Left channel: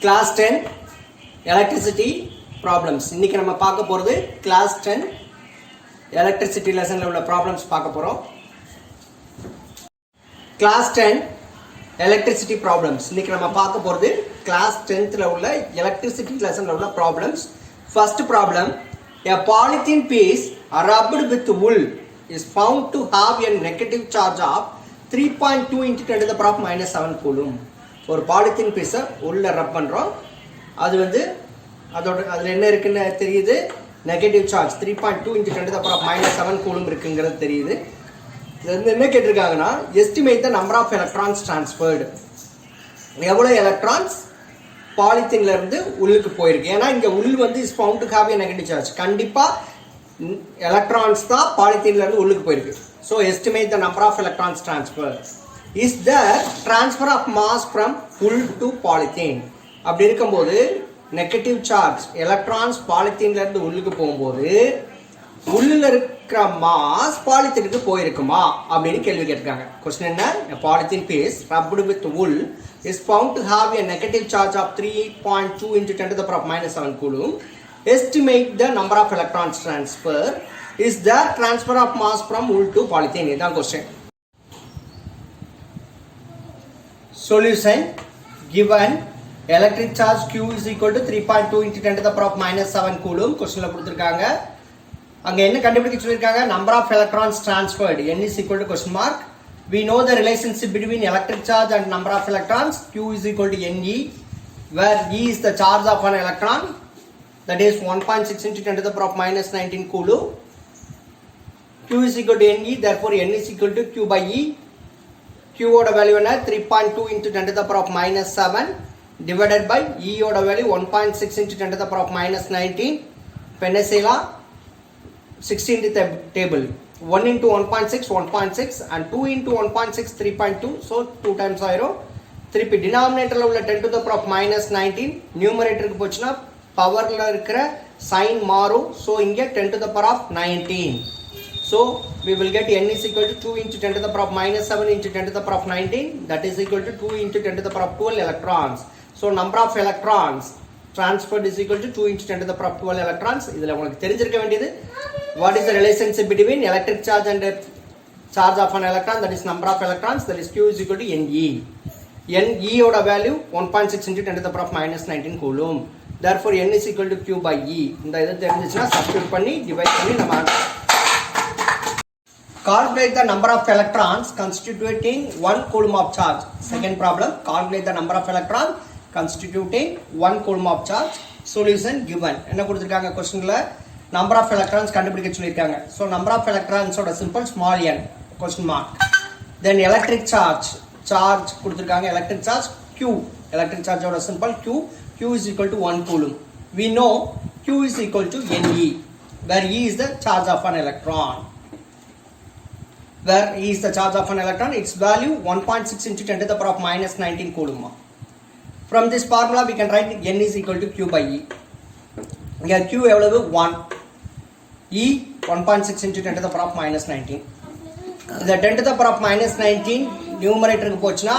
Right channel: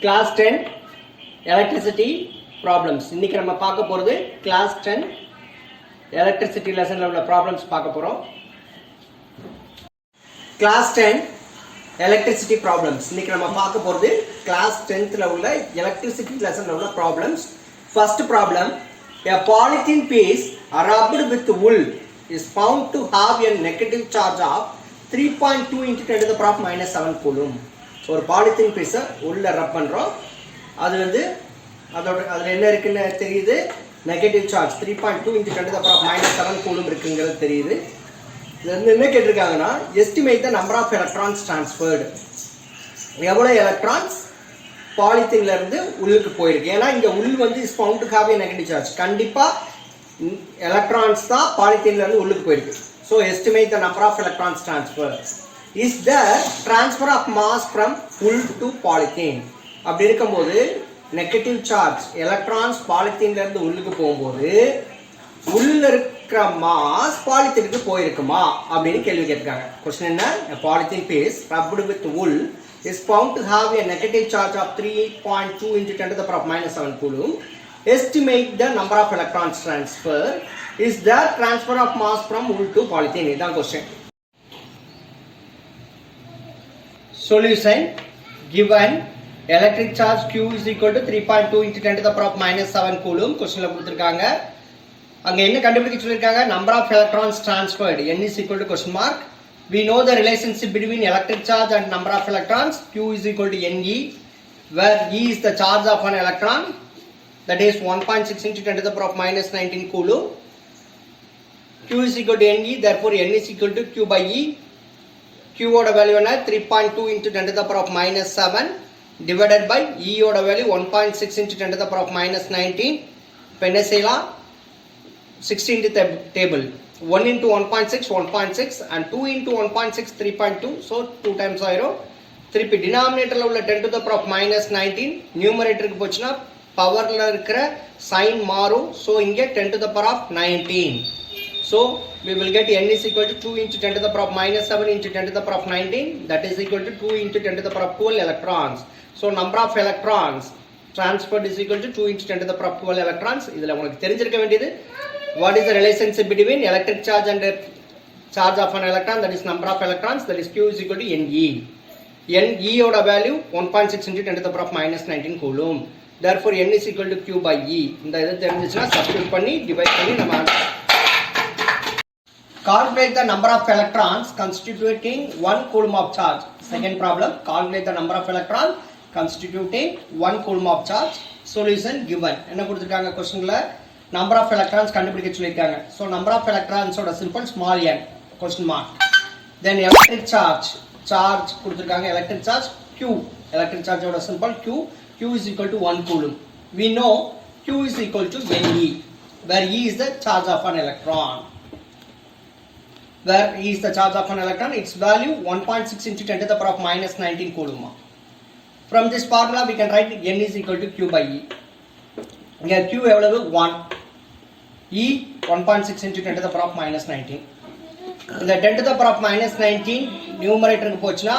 Class 10 Electricity Problems. இன்னைக்கு நம்ம பார்க்க போறது Class 10 Electricity lessonல உள்ள problems பார்க்க போறோம். Class 10 Electricity Problems. இன்னைக்கு நம்ம பார்க்க போறது Class 10th ல உள்ள Electricity lessonல உள்ள problems. First problem, a polythene piece rubbed with wool is found to have a negative charge of 3.2 into 10 to the power minus 7 coulomb. ஒரு பாலித்தீன் பீஸை உள்ள ரப் பண்ணுறோம். அது வந்து அதில் என்ன இருக்குன்னு தெரியுது, negative charge 3.2 into 10 to the power minus 7 coulomb இருக்குங்கிறது தெரியுது. இது வந்து என்ன கேட்டிருக்காங்கன்னா, estimate the number of electrons transferred, எவ்வளோ எலக்ட்ரான்ஸ் பாலித்தீன்ல இருந்து உள்ளுக்கு போயிருக்கு. ஏன்னா இங்கே உள் வந்து is found to have a negative charge, கண்டிப்பாக எலக்ட்ரான்ஸ் தான் பாலித்தீன்ல இருந்து உள்ளுக்கு போயிருக்கு. So estimate the number of electrons transfer is the transfer of mass from wool to polythene. அப்படி இருக்கும்போது நெகட்டிவ் சார்ஜ் எலக்ட்ரான்ஸ் பாலித்தீன்ல இருந்து உள்ளுக்கு போகும்போது உள்ள இருக்கிற மாஸ் பாலித்தீனுக்கு போயிருக்குமா அப்படின்னு கேள்வி கேட்டிருக்காங்க. கொஸ்டின் என்ன, a polythene piece rubbed with wool is found to have a negative charge of 3.2 into 10 to the power minus 7 coulomb. Estimate the number of electrons transfer is the transfer of mass from wool to polythene. இதான் question. Solution, given electric charge Q is equal to 3.2 into 10 to the power minus 7 coulomb. கொஸ்டின்ல கொடுத்திருக்காங்க. அங்க என்ன கண்டுபிடிக்க சொல்லிருக்காங்க, number of electrons transferred, n is equal to question mark. We know the relationship between electric charge and number of electrons. Q is equal to Ne, where E is the charge of an electron, that is 1.6 into 10 to the power minus 19 coulomb. Q is equal to Ne, therefore n is equal to Q by E. Q ஓட value என்ன, 3.2 into 10 to the power of minus 7 divided by E ஓட value 1.6 into 10 to the power of minus 19. இப்போ என்ன செய்யலாம், 16 th table, 1 into 1.6 1.6 and 2 into 1.6 3.2, so 2 times ஆயிரும். திருப்பி டினாமினேட்டர்ல உள்ள 10 to the power of minus 19 நியூமரேட்டருக்கு போச்சுன்னா பவர்ல இருக்கிற சைன் மாறும். ஸோ இங்க 10 to the power of 19. So we will get n is equal to 2 into 10 to the power of minus 7 into 10 to the power of 19, that is equal to 2 into 10 to the power of 12 electrons. So number of electrons transferred is equal to 2 into 10 to the power of 12 electrons. இதில் உங்களுக்கு தெரிஞ்சிருக்க வேண்டியது, what is the relationship between electric charge and charge of an electron, that is number of electrons, that is Q is equal to Ne. Ne ஓட value 1.6 into 10 to the power of minus 19 coulomb. Therefore n is equal to Q by E. இந்த இது தெரிஞ்சிச்சுன்னா substitute பண்ணி divide பண்ணி நம்ம calculate the number of electrons constituting 1 coulomb of charge. Second problem, calculate the number of electrons constituting 1 coulomb of charge. Solution given. என்ன கொடுத்திருக்காங்க क्वेश्चनல, number of electrons கண்டுபிடிக்க சொல்லிருக்காங்க. So number of electrons ஓட simple small n question mark. Then electric charge கொடுத்திருக்காங்க, electric charge Q, electric charge ஓட simple Q is equal to 1 coulomb. We know Q is equal to Ne, where E is the charge of an electron. Where E is the charge of an electron, its value 1.6 into 10 to the power of minus 19 coulomb. From this formula we can write n is equal to Q by E. Here Q எவ்வளவு 1, E 1.6 into 10 to the power of minus 19. இந்த 10 to the power of minus 19 நியூமரேட்டருக்கு போச்சுன்னா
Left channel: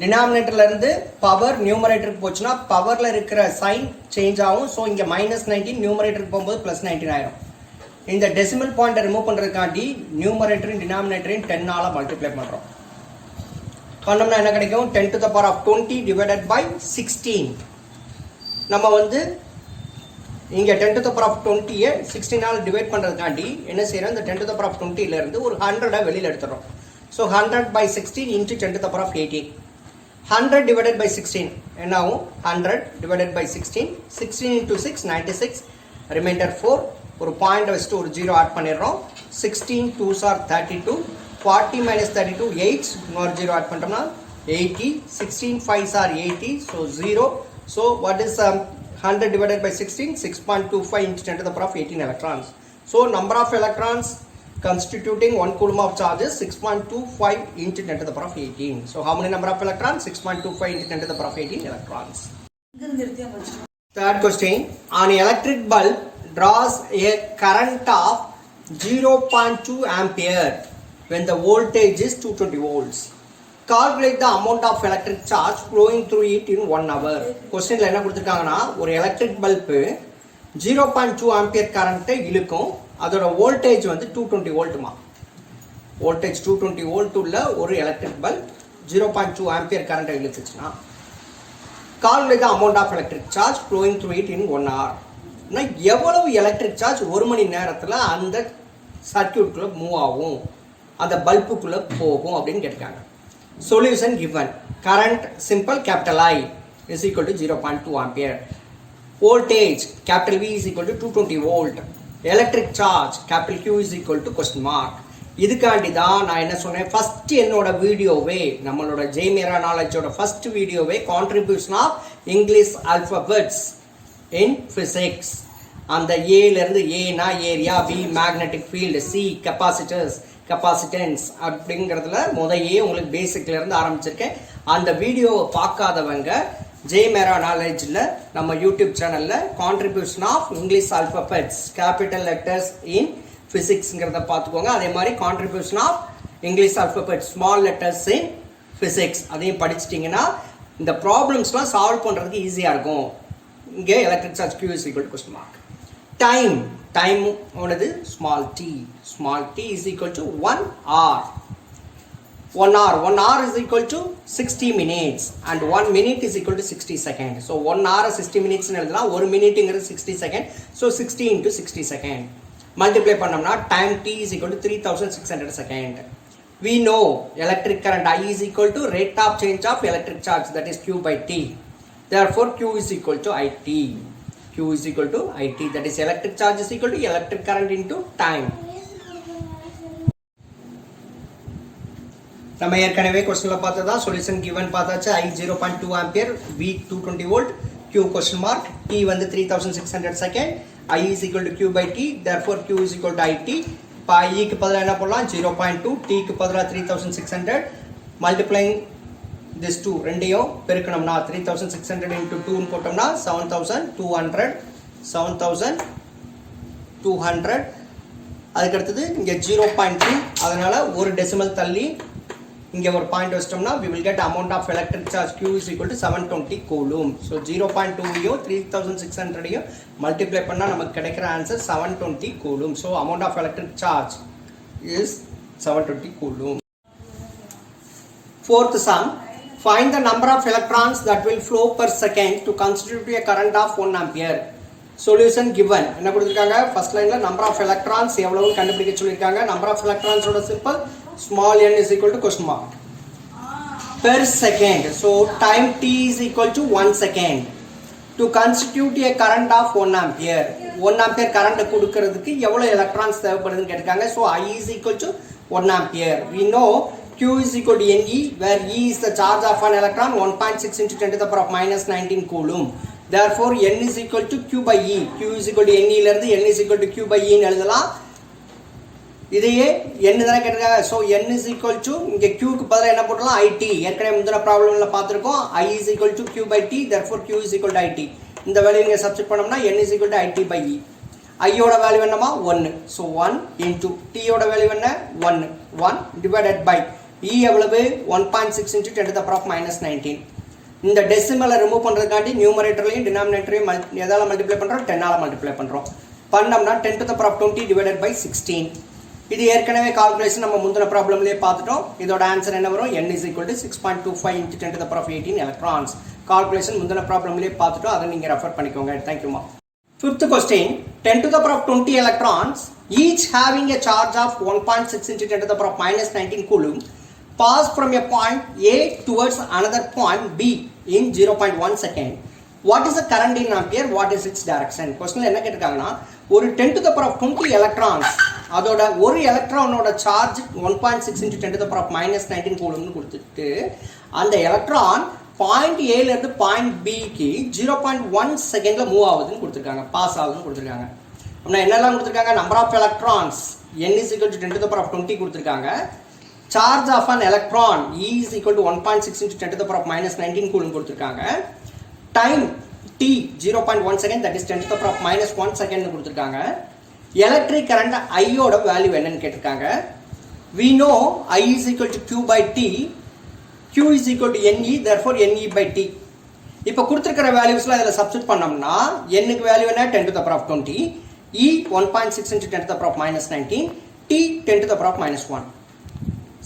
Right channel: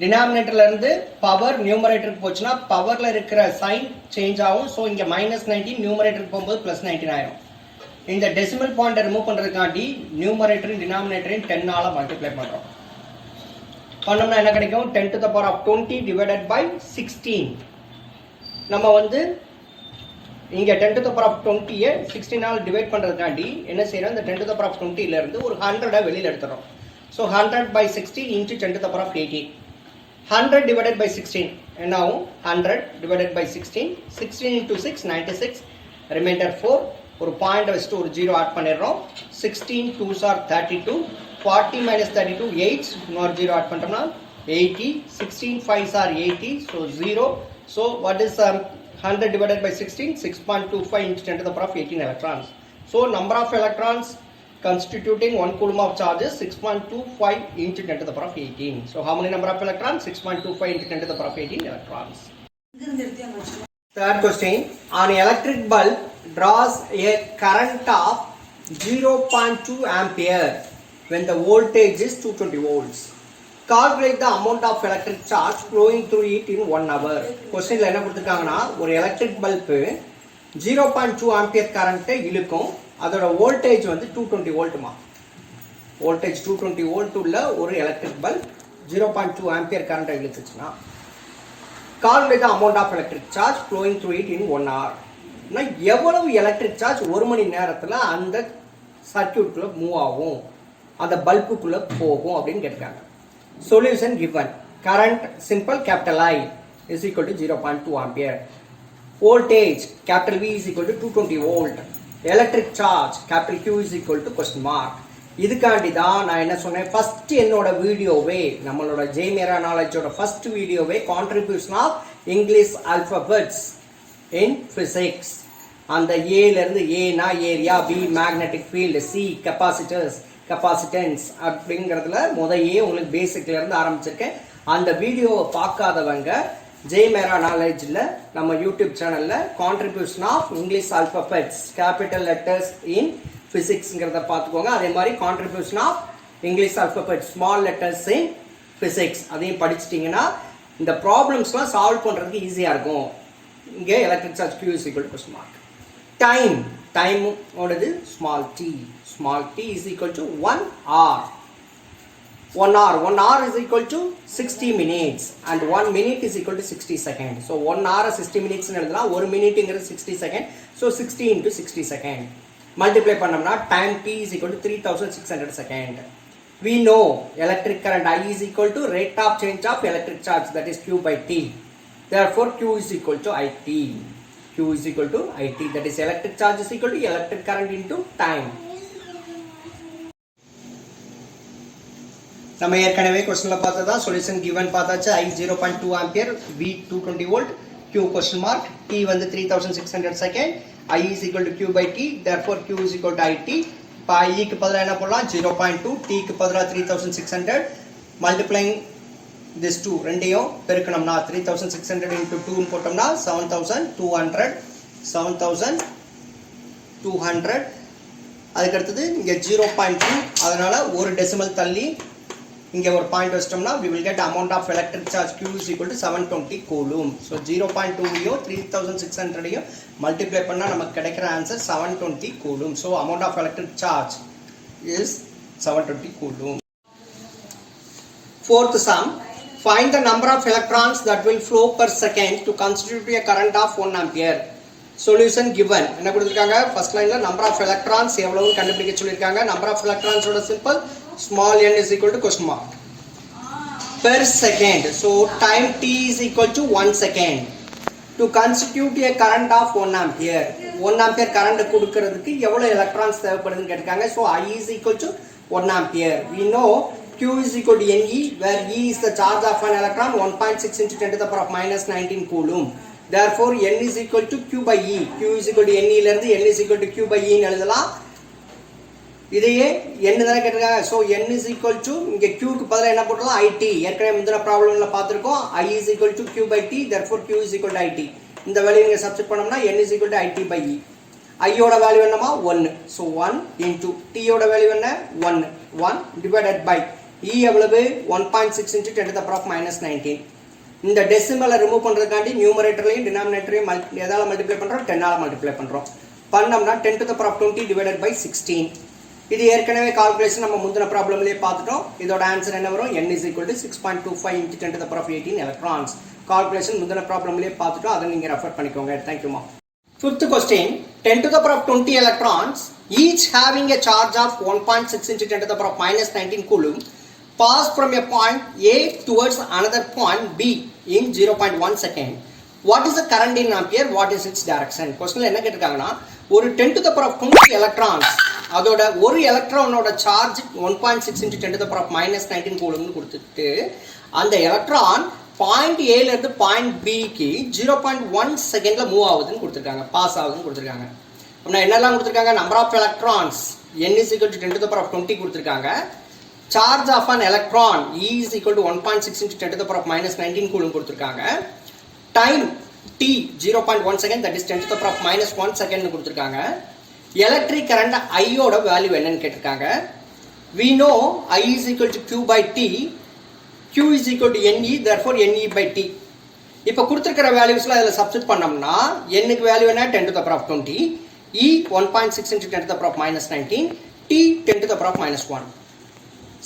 டினாமினேட்டர்ல இருந்து power நியூமரேட்டருக்கு போச்சுன்னா பவர்ல இருக்கிற sign change ஆகும். So இங்க minus 19 நியூமரேட்டருக்கு போகும்போது plus 19 ஆயிரும். இந்த டெசிமல் பாயிண்டை ரிமூவ் பண்றதுக்காண்டி நியூமரேட்டரையும் டினாமினேட்டரையும் 10 ஆல மல்டிப்ளை பண்றோம். பண்ணோம்னா என்ன கிடைக்கும், 10 to the power of 20 divided by 16. நம்ம வந்து இங்க 10 to the power of 20 16 ஆல டிவைட் பண்றதுக்காண்டி என்ன செய்யறோம், இந்த 10 to the power of 20 ல இருந்து ஒரு 100 வெளியில எடுத்துறோம். So 100 by 16 into 10 to the power of 18. 100 divided by 16 என்ன ஆகும், 100 divided by 16, 16 into 6 96, ரிமைண்டர் 4. ஒரு பாயிண்ட் வச்சுட்டு ஒரு 0 ஆட் பண்ணிடுறோம். 16 2s are 32, 40 minus 32 8, இன்னொரு 0 ஆட் பண்றோம்னா 80, 16 5s are 80, so 0. So what is 100 divided by 16, 6.25 into 10 to the power of 18 electrons. So number of electrons constituting 1 coulomb of charge is 6.25 into 10 to the power of 18. So how many number of electrons, 6.25 into 10 to the power of 18 electrons. Third question, an electric bulb draws a current of 0.2 ampere when the voltage is 220 volts. calculate the amount of electric charge flowing through it in 1 hour. கொஸ்டின்ல என்ன கொடுத்திருக்காங்கன்னா ஒரு electric bulb 0.2 ampere கரண்ட்டை இழுக்கும். அதோட voltage வந்து 220 வோல்ட்மா. Voltage 220 volt உள்ள ஒரு electric bulb 0.2 ampere கரண்ட்டை இழுத்துச்சுன்னா calculate the amount of electric charge flowing through it in 1 hour. எவ்வளவு எலக்ட்ரிக் சார்ஜ் ஒரு மணி நேரத்தில் அந்த சர்க்கியூட்குள்ள மூவ் ஆகும், அந்த பல்புக்குள்ள போகும் அப்படின்னு கேட்டிருக்காங்க. Solution given. Current simple capital I is equal to 0.2 ampere. Voltage capital V is equal to 220 volt. Electric charge capital Q is equal to question mark. இதுக்காண்டி தான் நான் என்ன சொன்னேன், ஃபர்ஸ்ட் என்னோட வீடியோவே, நம்மளோட ஜெய்மேரா நாலேஜோட ஃபர்ஸ்ட் வீடியோவே contribution of English alphabets in physics. அந்த ஏல இருந்து ஏனா area, B magnetic field, C capacitors capacitance அப்படிங்கிறதுல முதையே உங்களுக்கு பேசிக்ல இருந்து ஆரம்பிச்சிருக்கேன். அந்த வீடியோவை பார்க்காதவங்க ஜெய்மேரா நாலேஜில் நம்ம யூடியூப் சேனலில் contribution of English alphabets capital letters in ஃபிசிக்ஸ்ங்கிறத பார்த்துக்கோங்க. அதே மாதிரி contribution of English alphabet small letters in physics அதையும் படிச்சிட்டிங்கன்னா இந்த ப்ராப்ளம்ஸ்லாம் சால்வ் பண்ணுறதுக்கு ஈஸியாக இருக்கும். இங்கே electric charge Q is equal to question mark. Time ஓடது small t is equal to 1 hour. 1 hour is equal to 60 minutes and 1 minute is equal to 60 seconds. So 1 hour 60 minutes எழுதலாம், 1 minuteங்கிறது 60 second. So 60 into 60 second multiply பண்ணோம்னா time t is equal to 3600 second. We know electric current I is equal to rate of change of electric charge, that is Q by T. Therefore Q is equal to IT. Q is equal to IT, that is electric charge is equal to electric current into time. நம்ம ஏற்கனவே क्वेश्चनல பார்த்ததா solution given பார்த்தாச்சு. I 0.2 ampere, V 220 volt, Q question mark, T வந்து 3600 second, I is equal to Q by T, therefore Q is equal to IT. இப்போ I க்கு பதிலா என்ன பண்ணலாம், 0.2, T க்கு பதிலா 3600 multiplying this 2 ரெண்டையும் பெருக்கணும்னா 3600 into 2 ன்னு போட்டோம்னா 7200. அதுக்கு அடுத்தது இங்க 0.2, அதனால ஒரு டெசிமல் தள்ளி இங்க ஒரு பாயிண்ட் வச்சிட்டோம்னா we will get amount of electric charge Q is equal to 720 coulomb. So 0.2 3600 multiply பண்ணா நமக்கு கிடைக்கிற answer 720 coulomb. So amount of electric charge is 720 coulomb. Fourth sum, find the number of electrons that will flow per second to constitute a current of 1 ampere. Solution given. என்ன கொடுத்திருக்காங்க, first லைன்ல number of electrons எவ்வளவு கண்டுபிடிக்க சொல்லிருக்காங்க. number of electrons ஓட simple small n is equal to question mark per second. So time t is equal to 1 second to constitute a current of 1 ampere. 1 ampere current கொடுக்கிறதுக்கு எவ்வளவு electrons தேவைப்படுதுன்னு கேட்டிருக்காங்க. So I is equal to 1 ampere. We know Q is equal to Ne, where E is the charge of an electron, 1.6 into 10 to the power of minus 19 coulomb. Therefore N is equal to Q by E. Q is equal to Ne ல இருந்து N is equal to Q by E ன்னு எழுதலாம். இதையே n தான கேட்டிருக்காங்க. So n is equal to இங்க Q க்கு பதிலா என்ன போடலாம், IT. ஏற்கனவே முந்தின ப்ராப்ளம்ல பார்த்திருக்கோம். I is equal to Q by T, therefore Q is equal to IT. இந்த வேல்யூ இங்க சப்ஸ்டிட் பண்ணோம்னா n is equal to IT by E. I யோட வேல்யூ என்னமா 1. So 1 into T யோட வேல்யூ என்ன 1 divided by E எவ்வளவு 1.6 into 10 to the power of minus 19. இந்த டெசிமலை remove பண்றதுக்காண்டி நியூமரேட்டர்லயும் டினாமினேட்டரையும் எதால மல்டிப்ளை பண்றோம், 10 ஆல மல்டிப்ளை பண்றோம். பண்ணோம்னா 10 to the power of 20 divided by 16. இது ஏற்கனவே கால்குலேஷன் நம்ம முந்தின ப்ராப்ளம்லயே பார்த்துட்டோம். இதோட ஆன்சர் என்ன வரும், n is equal to 6.25 into 10 to the power of 18 electrons. Calculation முந்தின ப்ராப்ளம்லயே பார்த்துட்டோம், அதை நீங்க ரெஃபர் பண்ணிக்கோங்க. Thank you ma. Fifth question, 10 to the power of 20 electrons each having a charge of 1.6 into 10 to the power of minus 19 coulomb pass from a point A towards another point B in 0.1 second. What is the current in ampere? What is its direction? Question என்ன கேட்டிருக்காங்கன்னா, ஒரு 10 to the power of 20 electrons, அதோட ஒரு எலக்ட்ரானோட charge 1.6 into 10 to the power of minus 19 கூலம்னு கொடுத்துட்டு அந்த electron point A ல இருந்து பாயிண்ட் B க்கு 0.1 செகண்ட்ல மூவ் ஆகுதுன்னு கொடுத்திருக்காங்க, பாஸ் ஆகுதுன்னு கொடுத்திருக்காங்க. அப்படின்னா என்னெல்லாம் கொடுத்திருக்காங்க, number of electrons n is equal to 10 to the power of 20 கொடுத்திருக்காங்க. Charge of an electron E is equal to 1.6 into 10 to the power of minus 19 coulomb கொடுத்திருக்காங்க. Time t 0.1 second, that is 10 to the power of minus 1 second கொடுத்திருக்காங்க. Electric current I யோட value என்னன்னு கேட்டிருக்காங்க. We know I is equal to Q by T, Q is equal to NE, therefore NE by T. இப்போ கொடுத்துருக்கிற வேல்யூஸ்லாம் இதில் substitute பண்ணோம்னா என்னுக்கு value என்ன 10 to the power of 20, E 1.6 into 10 to the power of minus 19, T 10 to the power of minus 1.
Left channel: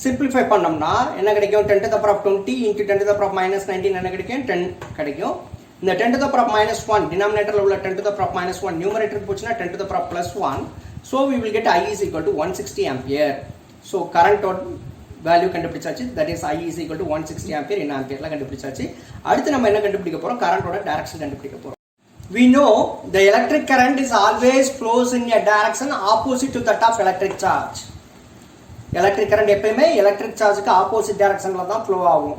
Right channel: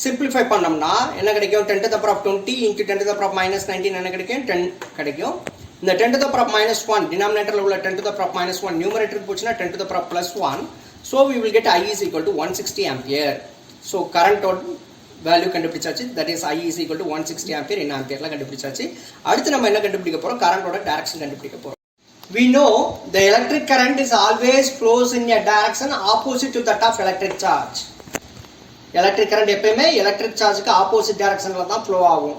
Simplify பண்ணோம்னா என்ன கிடைக்கும் 10 to the power of 20 into 10 to the power of minus 19 என்ன கிடைக்கும் 10 கிடைக்கும். இந்த 10 to the power of minus 1 டினாமினேட்டரில் உள்ள 10 to the power of minus 1 நியூமரேட்டருக்கு போச்சுன்னா 10 to the power of plus 1. So we will get I is equal to 160 ampere. So current value கண்டுபிடிச்சாச்சு, that is I is equal to 160 ampere in ampere கண்டுபிடிச்சாச்சு. அடுத்து நம்ம என்ன கண்டுபிடிக்க போறோம், கரண்டோட direction கண்டுபிடிக்க போறோம். We know the electric current is always flows in a direction opposite to that of electric charge. Electric current எப்பவுமே electric chargeக்கு opposite directionல தான் flow ஆகும்.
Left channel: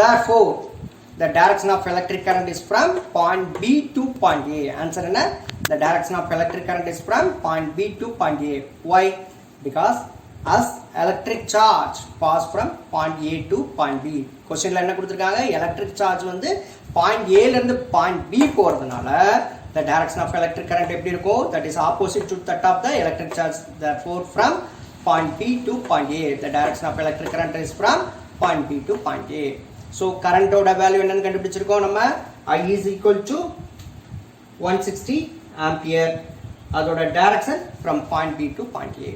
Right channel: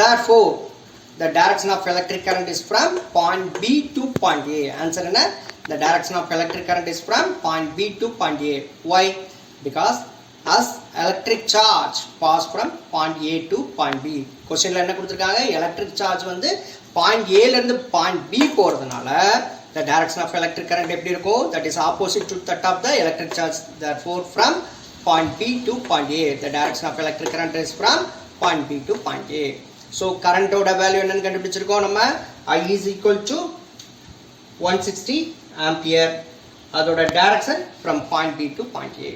Therefore the direction of electric current is from point B to point A. Answer என்ன, the direction of electric current is from point B to point A. Why? Because as electric charge pass from point A to point B. Questionல என்ன கொடுத்திருக்காங்க, electric charge வந்து point A ல இருந்து point B போறதுனால the direction of electric current எப்படி இருக்கும், that is opposite to that of the electric charge. Therefore from point B to point A, the direction of electric current is from point B to point A. So current ஓட value என்னன்னு கண்டுபிடிச்சிருக்கோம் நம்ம, I is equal to 160 ampere. அதோட direction from point B to point A.